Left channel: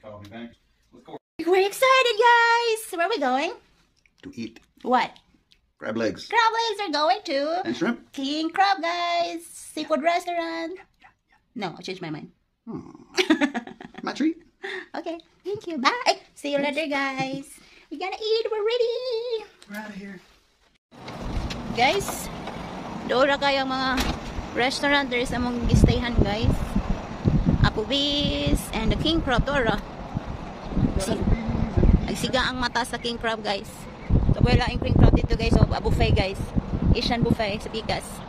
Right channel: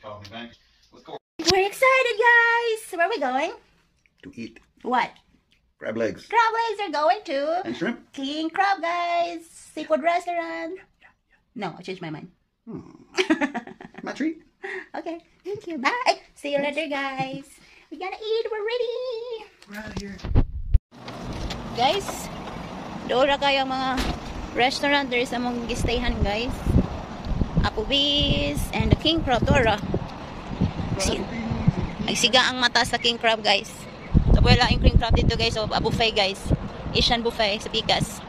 called me back. We're excited, guys! Where are we going? To eat. What? Crab legs. Crab legs are going to And shrimp. King Crab, guys! Seafood restaurant. No, I changed my mind. My treat. Okay, thank you. Bye! See you later, guys. We gotta eat. We're ready. We're out of here. Guys, doon na kayo mga restaurant. There is among gistayhan, guys. Applebee's and the King Crab. Dora. Nagsiga ang mata sa King Crab, guys. So, wala yung King Crab dito, guys. So, a buffet, guys. Asian buffet sa Pikas.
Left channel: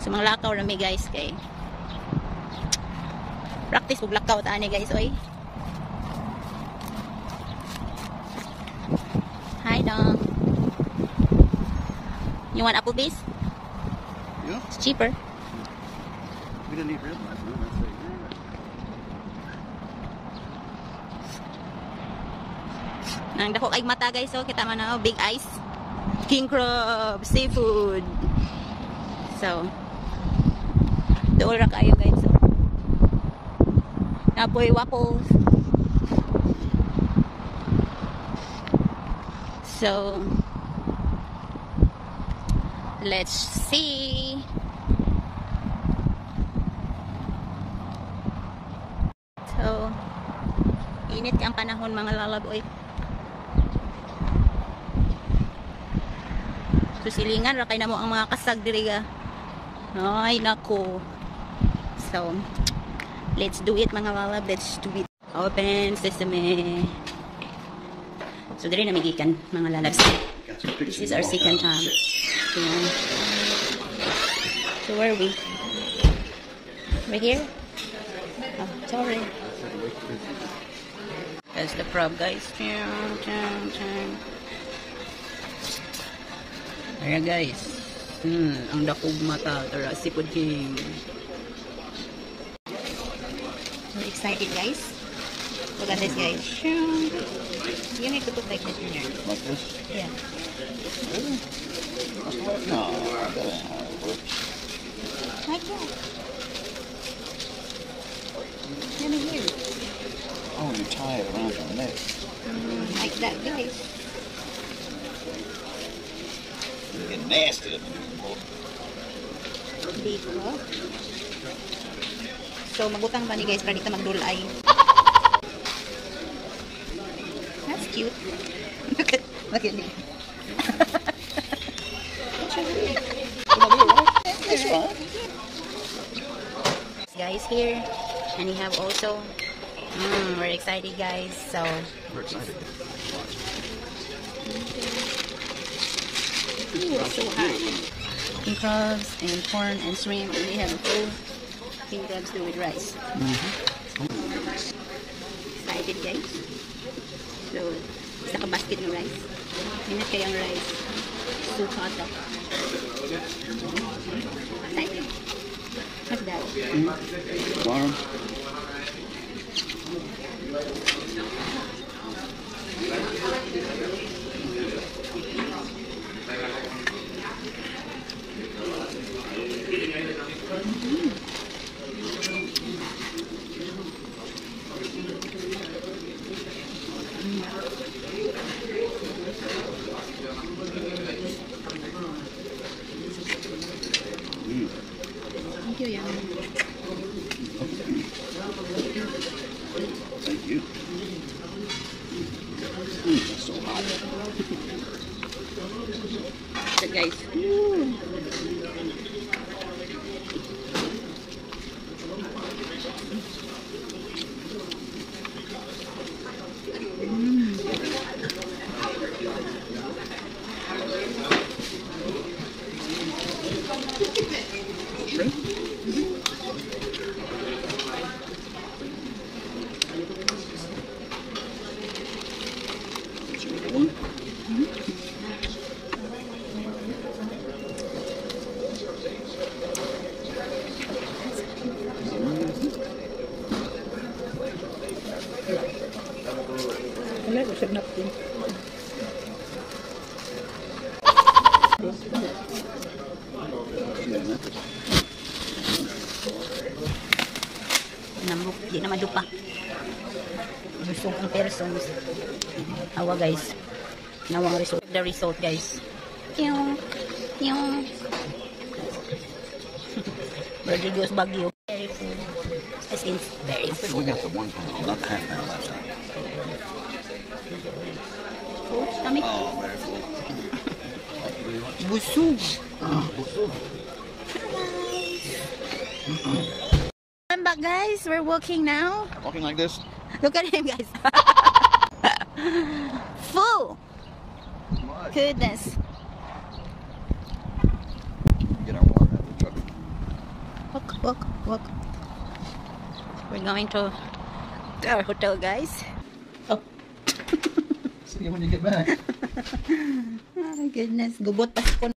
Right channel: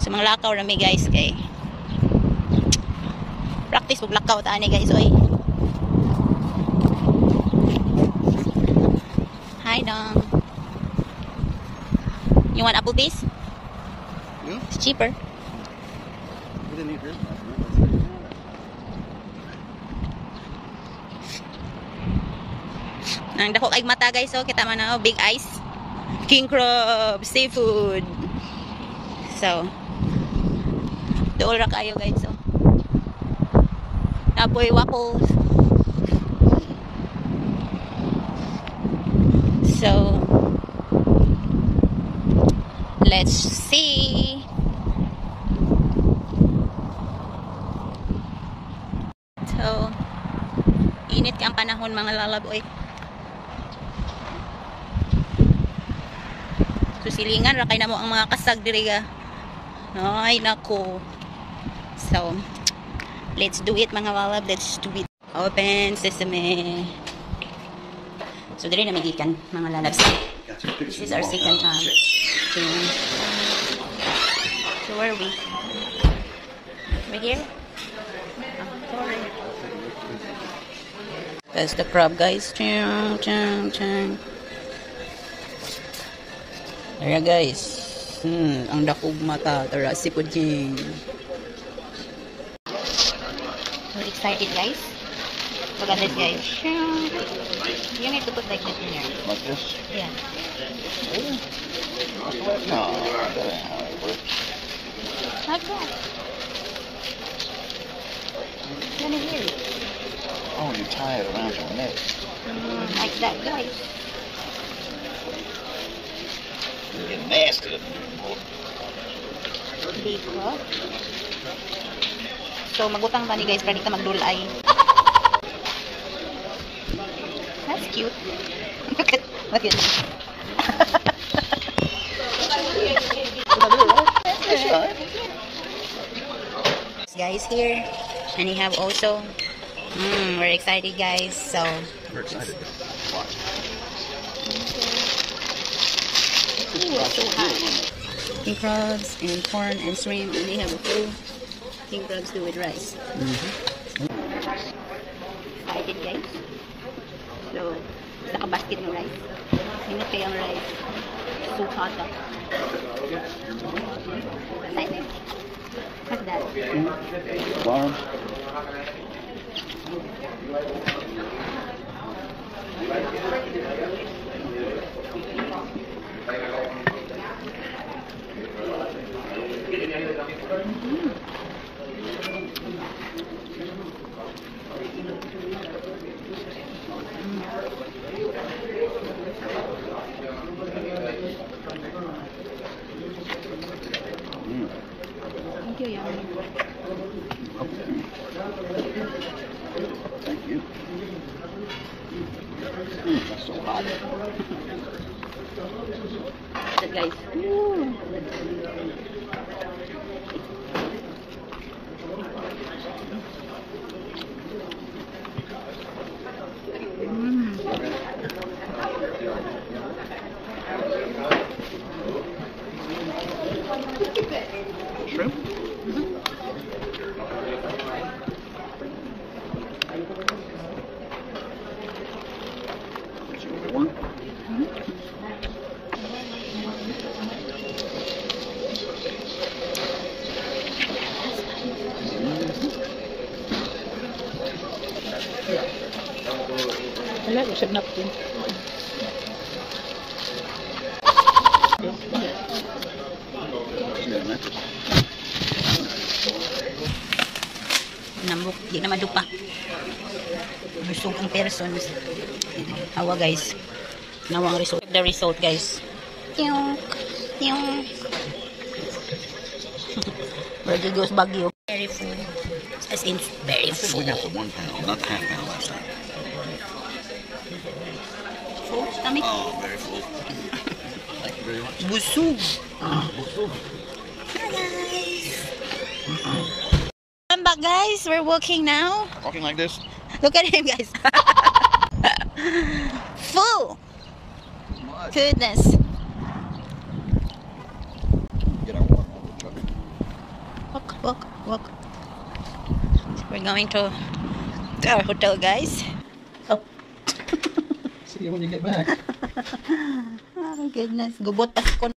So, mga lakaw na may, guys. Okay. Practice pag lakaw tani, guys. Oy. Hi, Dong. You want Applebee's? Yeah. It's cheaper. You don't need this. Nang dako kay mata, guys. So, kita man na, big eyes. King Crab seafood. So, dool ra kayo, guys. So, napoy waffles. So, let's see. So, init ang panahon, mga lalaboy. So, silingan ra kay namo ang mga kasag diri ga. Ay nako. So, let's do it, mga lalab. Let's do it. Open sesame. So, diri na may ikan, mga lalabs. This is our second time. So where are we? Right here? Oh, sorry. That's the crab, guys. Chung, chung, chung. There, guys. Ang dakog mata. Tara, sipod king. So excited, guys. Look at this, guys. You need to put like this in here. Like this? Yeah. Oh. That's the way. No, that ain't how it works. Like that. Let me hear it. Oh, you tie it around your neck. Like that, guys. You get nasty. Big crab. So, magutang pa ni guys para dito magdulay. That's cute. Look at it. Guys here, and you have also we're excited, guys. So We're excited. ooh, it's so hot. King crabs and corn and shrimp, and we have a full king crabs too with rice. Excited, guys. So sa basket ng rice. Ingat kayang rice. So hot. Excited. What's that? Warm. Thank you, Yang. Thank you. That's so hot. Good, guys. Ooh. Shrimp? One. Wala, usap na po. Nambok, di na madupa. Busog ang persons. Awa guys. Nawang result. The result guys. Yung Rodrigo's Baguio. Very full. As in, very I think full. we got the 1 pound, not the half pound last time. Full stomach. Oh, very full. Thank you very much. Busog. Busog. Come back guys. We're walking now. Walking like this? Look at him guys. Full. What? Goodness. Get our walk out of the truck. Walk. We're going to our hotel, guys. Oh. See you when you get back. Oh my goodness. Gubot pa ko